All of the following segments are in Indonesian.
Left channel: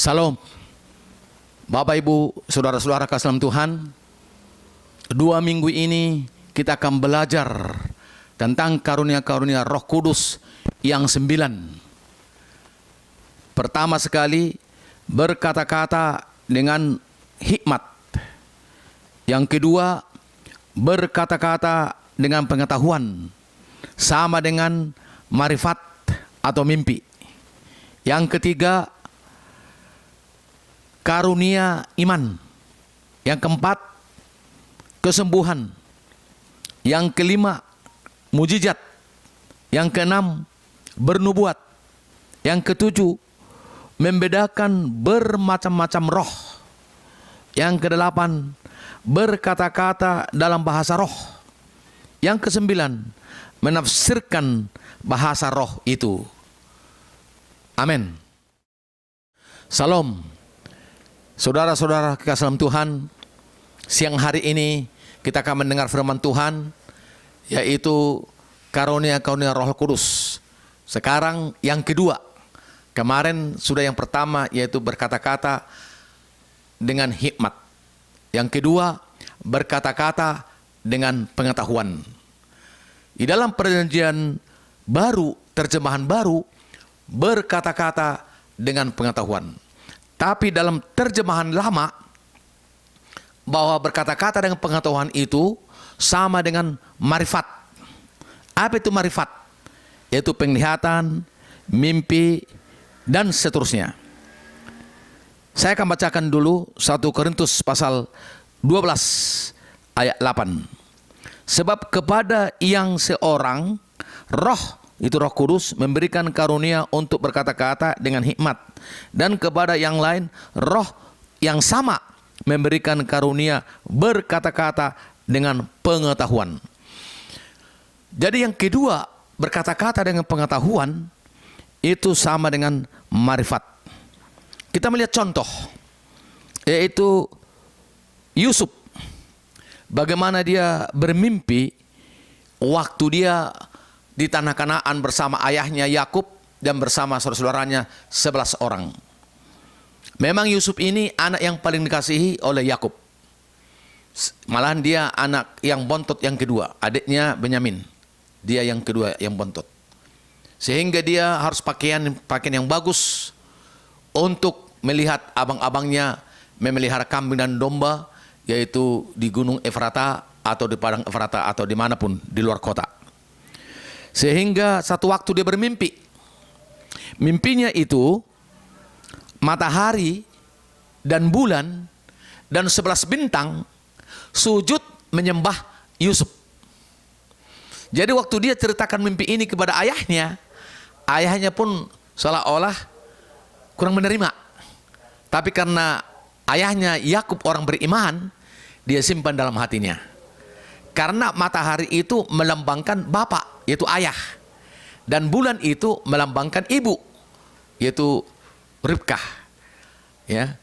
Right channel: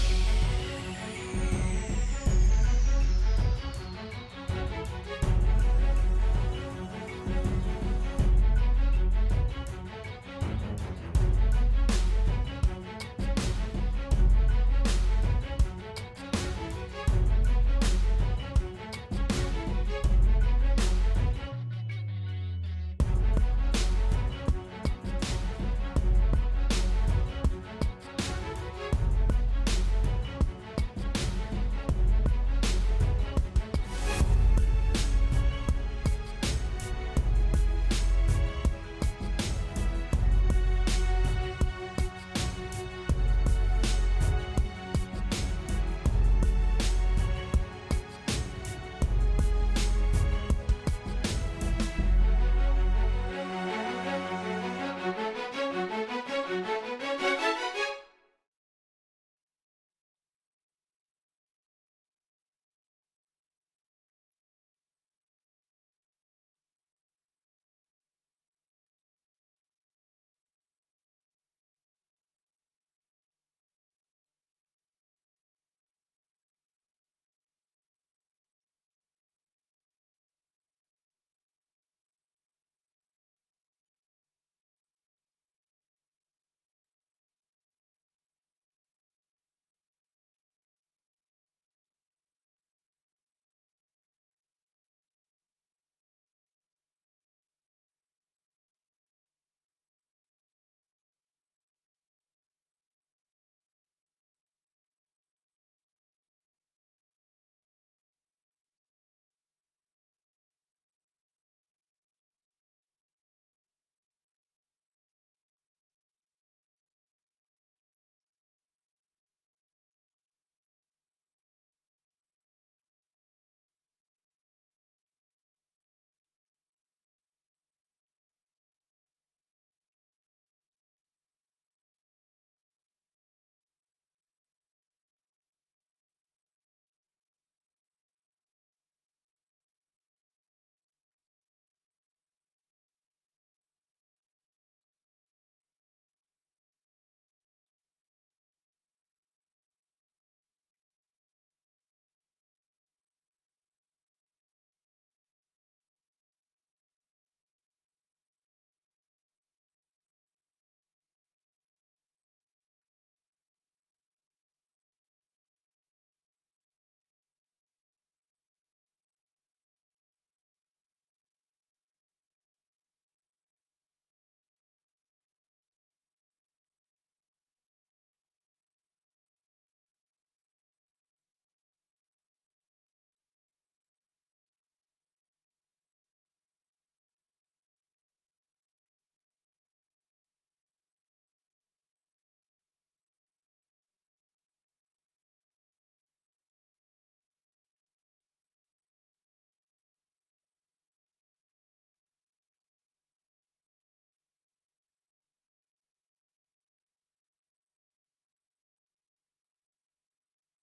Salam, Bapak Ibu, Saudara-saudara kasih dalam Tuhan. 2 minggu ini kita akan belajar tentang karunia-karunia Roh Kudus yang 9. Pertama sekali, berkata-kata dengan hikmat. Yang kedua, berkata-kata dengan pengetahuan, sama dengan marifat atau mimpi. Yang ketiga, karunia iman. Yang keempat, kesembuhan. Yang kelima, mujizat. Yang keenam, bernubuat. Yang ketujuh, membedakan bermacam-macam roh. Yang kedelapan, berkata-kata dalam bahasa roh. Yang kesembilan, menafsirkan bahasa roh itu. Amin. Salam, saudara-saudara kekasih dalam Tuhan. Siang hari ini kita akan mendengar firman Tuhan, yaitu karunia-karunia Roh Kudus. Sekarang yang kedua. Kemarin sudah yang pertama, yaitu berkata-kata dengan hikmat. Yang kedua, berkata-kata dengan pengetahuan. Di dalam perjanjian baru, terjemahan baru, berkata-kata dengan pengetahuan. Tapi dalam terjemahan lama, bahwa berkata-kata dengan pengetahuan itu sama dengan marifat. Apa itu marifat? Yaitu penglihatan, mimpi, dan seterusnya. Saya akan bacakan dulu 1 Korintus pasal 12 ayat 8. Sebab kepada yang seorang roh, itu Roh Kudus, memberikan karunia untuk berkata-kata dengan hikmat, dan kepada yang lain roh yang sama memberikan karunia berkata-kata dengan pengetahuan. Jadi yang kedua, berkata-kata dengan pengetahuan itu sama dengan marifat. Kita melihat contoh, yaitu Yusuf. Bagaimana dia bermimpi waktu dia di tanah Kanaan bersama ayahnya Yakub dan bersama saudara-saudaranya 11 orang. Memang Yusuf ini anak yang paling dikasihi oleh Yakub. Malahan dia anak yang bontot yang kedua, adiknya Benyamin. Dia yang kedua yang bontot. Sehingga dia harus pakaian yang bagus untuk melihat abang-abangnya memelihara kambing dan domba, yaitu di Gunung Efrata atau di Padang Efrata atau dimanapun di luar kota. Sehingga satu waktu dia bermimpi. Mimpinya itu matahari dan bulan dan 11 bintang sujud menyembah Yusuf. Jadi waktu dia ceritakan mimpi ini kepada ayahnya, ayahnya pun seolah-olah kurang menerima. Tapi karena ayahnya Yakub orang beriman, dia simpan dalam hatinya. Karena matahari itu melambangkan bapak, yaitu ayah. Dan bulan itu melambangkan ibu, yaitu Ribkah. Ya.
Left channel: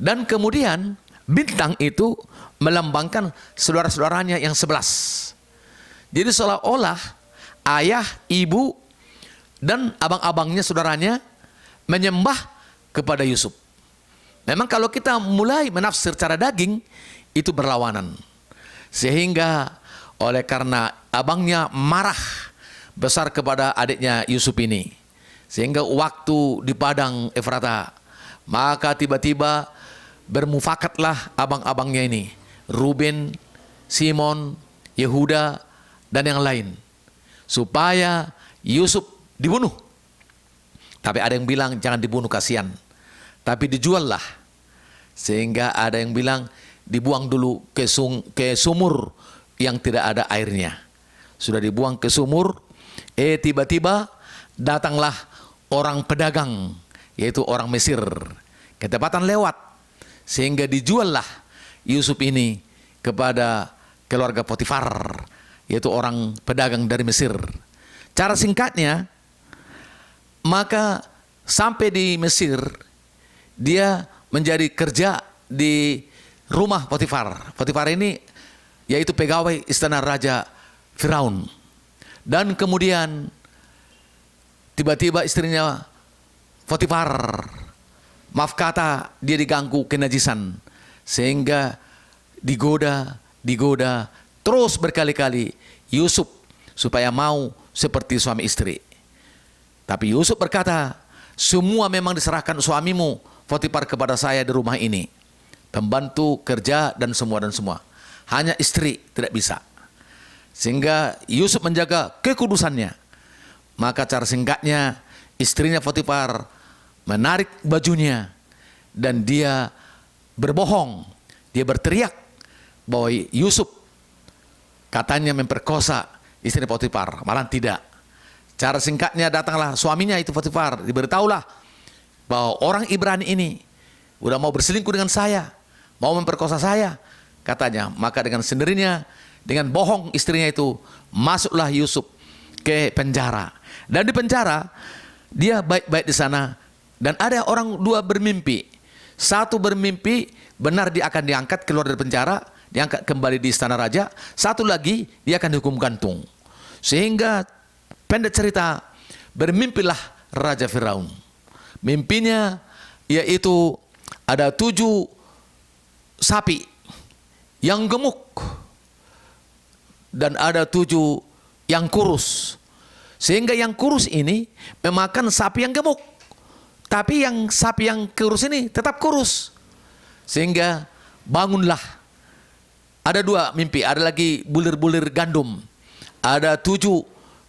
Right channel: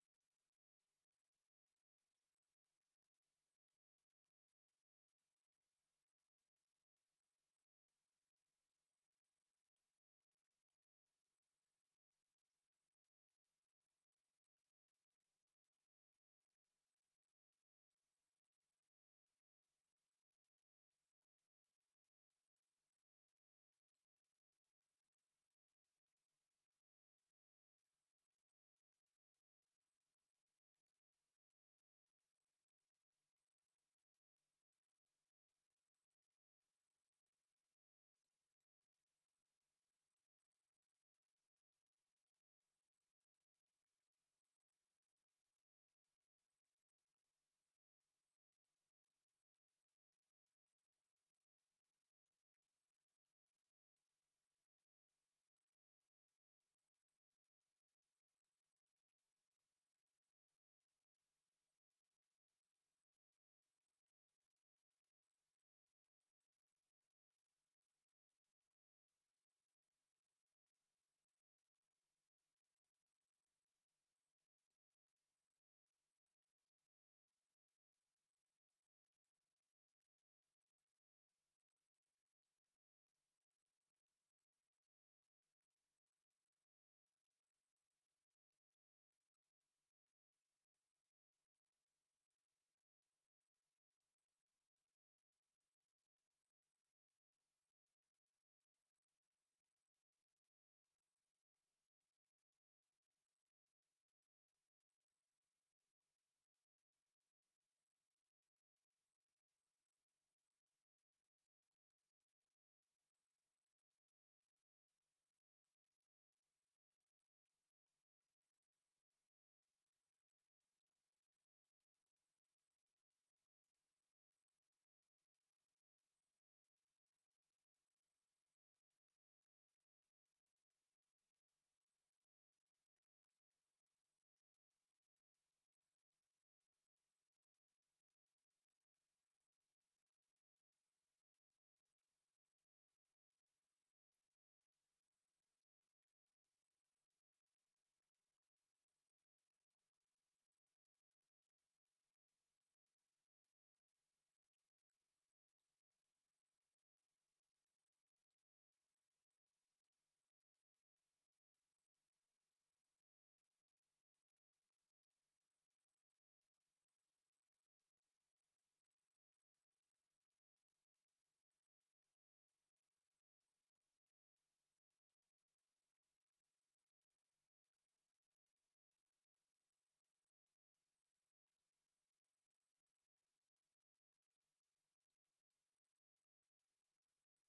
Dan kemudian bintang itu melambangkan saudara-saudaranya yang 11. Jadi seolah-olah ayah, ibu, dan abang-abangnya, saudaranya menyembah kepada Yusuf. Memang kalau kita mulai menafsir secara daging, itu berlawanan. Sehingga oleh karena abangnya marah besar kepada adiknya Yusuf ini, sehingga waktu di Padang Efrata, maka tiba-tiba bermufakatlah abang-abangnya ini, Ruben, Simon, Yehuda, dan yang lain, supaya Yusuf dibunuh. Tapi ada yang bilang jangan dibunuh, kasihan, tapi dijuallah. Sehingga ada yang bilang dibuang dulu ke sumur yang tidak ada airnya. Sudah dibuang ke sumur, tiba-tiba datanglah orang pedagang, yaitu orang Mesir, ketepatan lewat, sehingga dijuallah Yusuf ini kepada keluarga Potifar, yaitu orang pedagang dari Mesir. Cara singkatnya, maka sampai di Mesir, dia menjadi kerja di rumah Potifar. Potifar ini yaitu pegawai istana Raja Firaun. Dan kemudian tiba-tiba istrinya Potifar maaf kata, dia diganggu kenajisan, sehingga digoda terus berkali-kali Yusuf supaya mau seperti suami istri. Tapi Yusuf berkata, semua memang diserahkan suamimu Potifar kepada saya di rumah ini, pembantu kerja dan semua, hanya istri tidak bisa. Sehingga Yusuf menjaga kekudusannya. Maka cara singkatnya, istrinya Potifar menarik bajunya dan dia berbohong. Dia berteriak bahwa Yusuf katanya memperkosa istri Potifar, malah tidak. Cara singkatnya, datanglah suaminya itu Potifar, diberitahulah bahwa orang Ibrani ini udah mau berselingkuh dengan saya, mau memperkosa saya, katanya. Maka dengan sendirinya, dengan bohong istrinya itu, masuklah Yusuf ke penjara. Dan di penjara, dia baik-baik di sana. Dan ada orang dua bermimpi. Satu bermimpi benar dia akan diangkat keluar dari penjara, diangkat kembali di istana raja. Satu lagi dia akan dihukum gantung. Sehingga pendek cerita, bermimpilah Raja Firaun. Mimpinya yaitu ada 7 sapi yang gemuk dan ada 7 yang kurus. Sehingga yang kurus ini memakan sapi yang gemuk. Tapi yang sapi yang kurus ini tetap kurus. Sehingga bangunlah. Ada 2 mimpi, ada lagi bulir-bulir gandum. Ada 7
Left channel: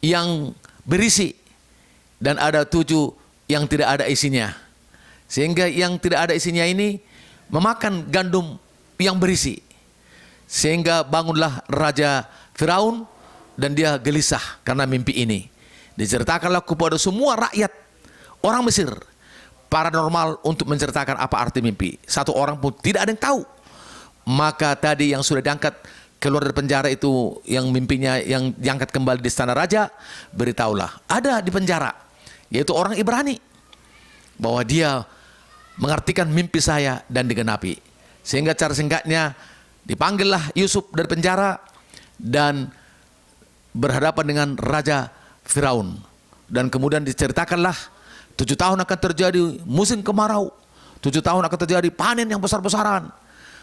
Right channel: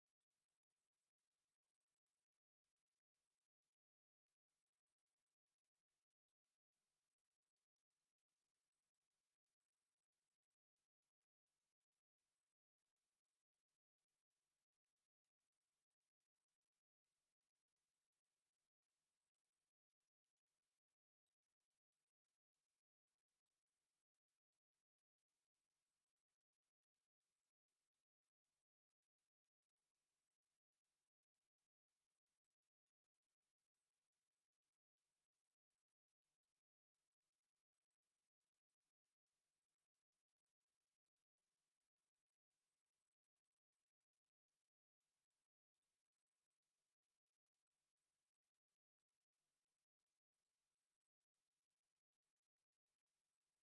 yang berisi dan ada 7 yang tidak ada isinya. Sehingga yang tidak ada isinya ini memakan gandum yang berisi. Sehingga bangunlah Raja Firaun dan dia gelisah karena mimpi ini. Diceritakanlah kepada semua rakyat orang Mesir, paranormal, untuk menceritakan apa arti mimpi. Satu orang pun tidak ada yang tahu. Maka tadi yang sudah diangkat keluar dari penjara itu, yang mimpinya yang diangkat kembali di istana raja, beritahulah ada di penjara, yaitu orang Ibrani, bahwa dia mengartikan mimpi saya dan digenapi. Sehingga cara singkatnya, dipanggillah Yusuf dari penjara dan berhadapan dengan Raja Firaun. Dan kemudian diceritakanlah 7 tahun akan terjadi musim kemarau, 7 tahun akan terjadi panen yang besar-besaran.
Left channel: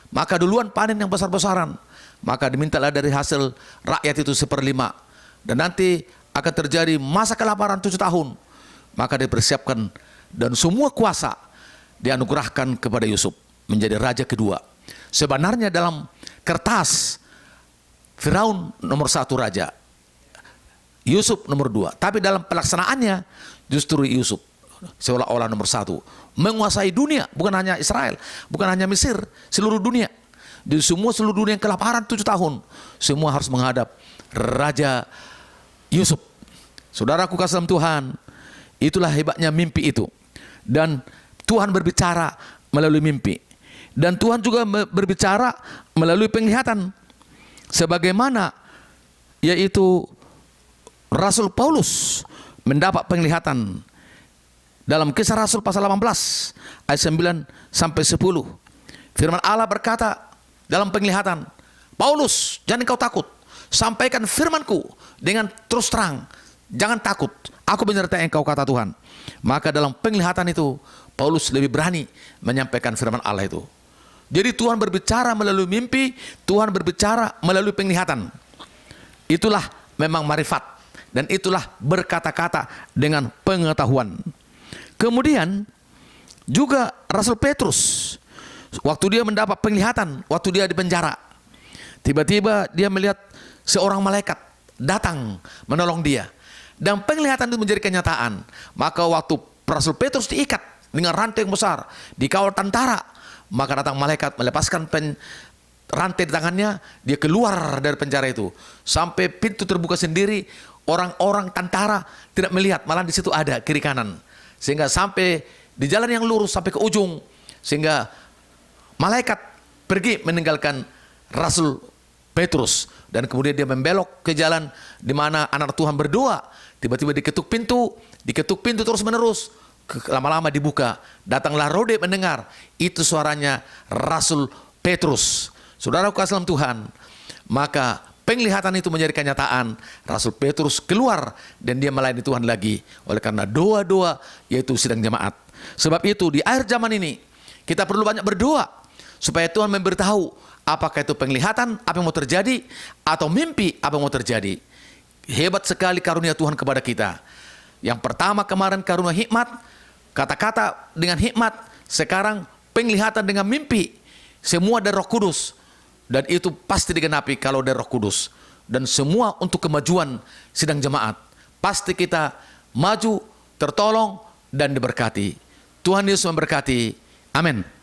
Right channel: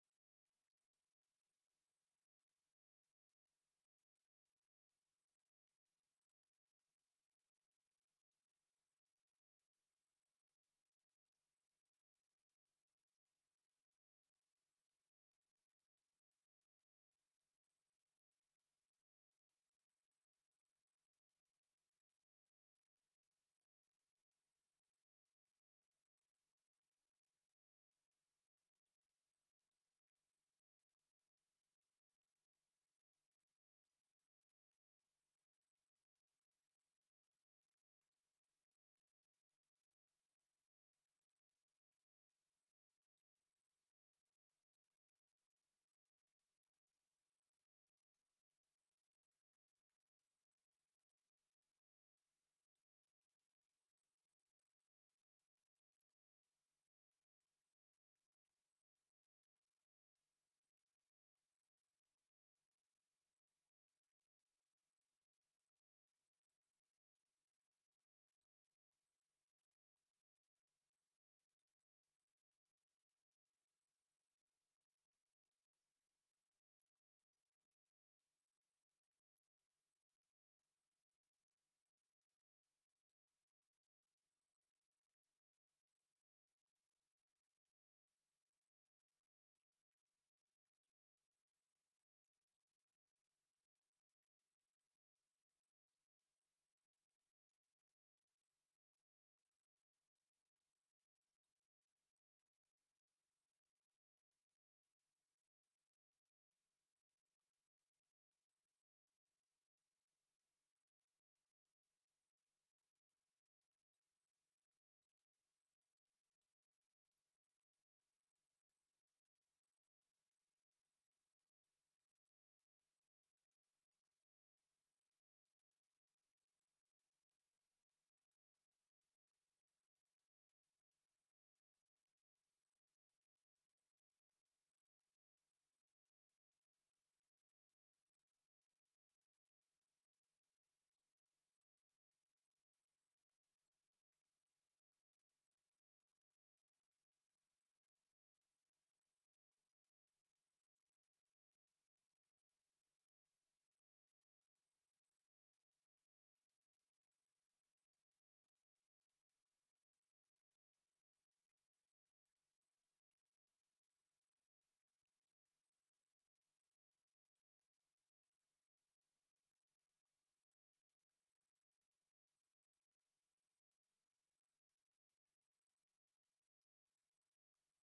Maka duluan panen yang besar-besaran, maka dimintalah dari hasil rakyat itu 1/5. Dan nanti akan terjadi masa kelaparan 7 tahun. Maka dipersiapkan dan semua kuasa dianugerahkan kepada Yusuf menjadi raja kedua. Sebenarnya dalam kertas Firaun nomor 1 raja, Yusuf nomor 2. Tapi dalam pelaksanaannya justru Yusuf seolah-olah nomor 1. Menguasai dunia, bukan hanya Israel, bukan hanya Mesir, seluruh dunia. Di seluruh dunia yang kelaparan 7 tahun, semua harus menghadap Raja Yusuf. Saudaraku kasih dalam Tuhan, itulah hebatnya mimpi itu. Dan Tuhan berbicara melalui mimpi. Dan Tuhan juga berbicara melalui penglihatan. Sebagaimana yaitu Rasul Paulus mendapat penglihatan dalam Kisah Rasul pasal 18 ayat 9 sampai 10. Firman Allah berkata dalam penglihatan, Paulus, jangan engkau takut, sampaikan firmanku dengan terus terang, jangan takut, aku menyertai engkau, kata Tuhan. Maka dalam penglihatan itu Paulus lebih berani menyampaikan firman Allah itu. Jadi Tuhan berbicara melalui mimpi, Tuhan berbicara melalui penglihatan. Itulah memang marifat, dan itulah berkata-kata dengan pengetahuan. Kemudian juga Rasul Petrus, waktu dia mendapat penglihatan, waktu dia di penjara, tiba-tiba dia melihat seorang malaikat datang menolong dia. Dan penglihatan itu menjadi kenyataan. Maka waktu Rasul Petrus diikat dengan rantai yang besar, dikawal tentara, maka datang malaikat melepaskan rantai di tangannya, dia keluar dari penjara itu. Sampai pintu terbuka sendiri, orang-orang tentara tidak melihat, malah di situ ada kiri kanan. Sehingga sampai di jalan yang lurus sampai ke ujung, sehingga malaikat pergi meninggalkan Rasul Petrus. Dan kemudian dia membelok ke jalan di mana anak Tuhan berdoa. Tiba-tiba diketuk pintu terus menerus. Lama-lama dibuka. Datanglah Rode mendengar. Itu suaranya Rasul Petrus. Saudara kasih dalam Tuhan. Maka penglihatan itu menjadi kenyataan, Rasul Petrus keluar dan dia melayani Tuhan lagi. Oleh karena doa-doa, yaitu sidang jemaat. Sebab itu di akhir zaman ini, kita perlu banyak berdoa supaya Tuhan memberitahu apakah itu penglihatan, apa yang mau terjadi, atau mimpi, apa yang mau terjadi. Hebat sekali karunia Tuhan kepada kita. Yang pertama kemarin karunia hikmat, kata-kata dengan hikmat, sekarang penglihatan dengan mimpi. Semua dari Roh Kudus. Dan itu pasti digenapi kalau dari Roh Kudus. Dan semua untuk kemajuan sidang jemaat. Pasti kita maju, tertolong, dan diberkati. Tuhan Yesus memberkati. Amin.